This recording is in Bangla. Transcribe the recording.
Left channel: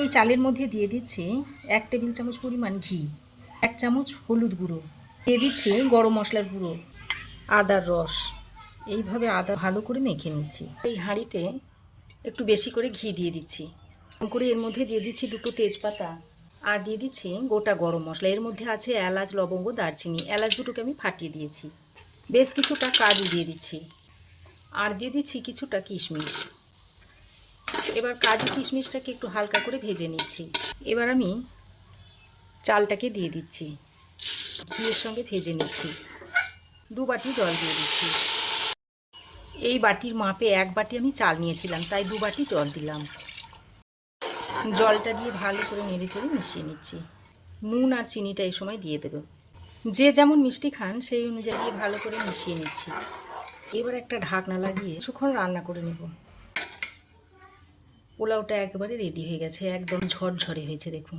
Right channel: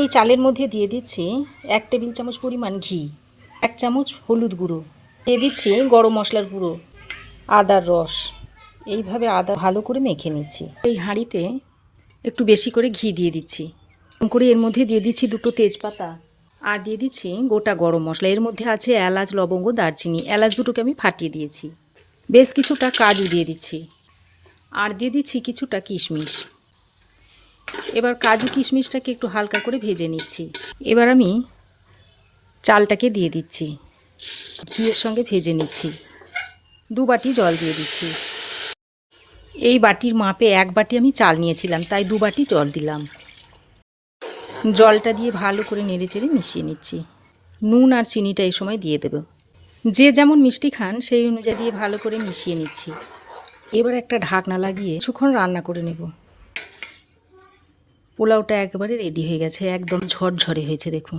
এই চালের মধ্যে দিয়ে দিচ্ছি 1 টেবিল চামচ পরিমাণ ঘি, 1 চামচ হলুদ গুঁড়ো, দিয়ে দিচ্ছি গরম মশলার গুঁড়ো, আদার রস। এইভাবে আদা ভালো করে মেখে নিচ্ছি। এই হাঁড়িতে একটু বেশি করে ঘি দিয়ে দিচ্ছি। করে এর মধ্যে দিয়ে দিচ্ছি 2টো তেজপাতা আর দিয়ে দিচ্ছি গোটা গরম মশলা। এর মধ্যে আছে এলাচ, লবঙ্গ, দারচিনি। এলাচ দুটোকে আমি ফাটিয়ে দিয়েছি। বেশ কিছুটা কাজু দিয়ে দিচ্ছি আর দিয়ে দিচ্ছি কিছুটা কিশমিশ। এবার কাজু কিশমিশটাকে একটু হালকা করে ভেজে নিচ্ছি। এবার আমি চালটাকে দিয়ে দিচ্ছি, ঘিয়ের সঙ্গে ভেজে নিচ্ছি। 2 বাটি জল দিয়ে দিচ্ছি। এই বাটির মাপে 1 বাটি আমি চাল নিয়েছিলাম, তাই 2 বাটি জল দিলাম। জলটা দিয়ে ভালো করে নেড়েচেড়ে মিশিয়ে নিচ্ছি। নুন আর চিনিটা এই সময় দিয়ে দেব। যে যেমন মিষ্টি খান সেই অনুযায়ী দিয়ে ভালো করে মিশিয়ে নিচ্ছি। এবার একটা ঢাকনা লাগিয়ে কিছুক্ষণ রান্না করে নেব। পোলাওটা একেবারে রেডি হয়ে গেছে, একদম ঝরঝরে হয়েছে দেখুন।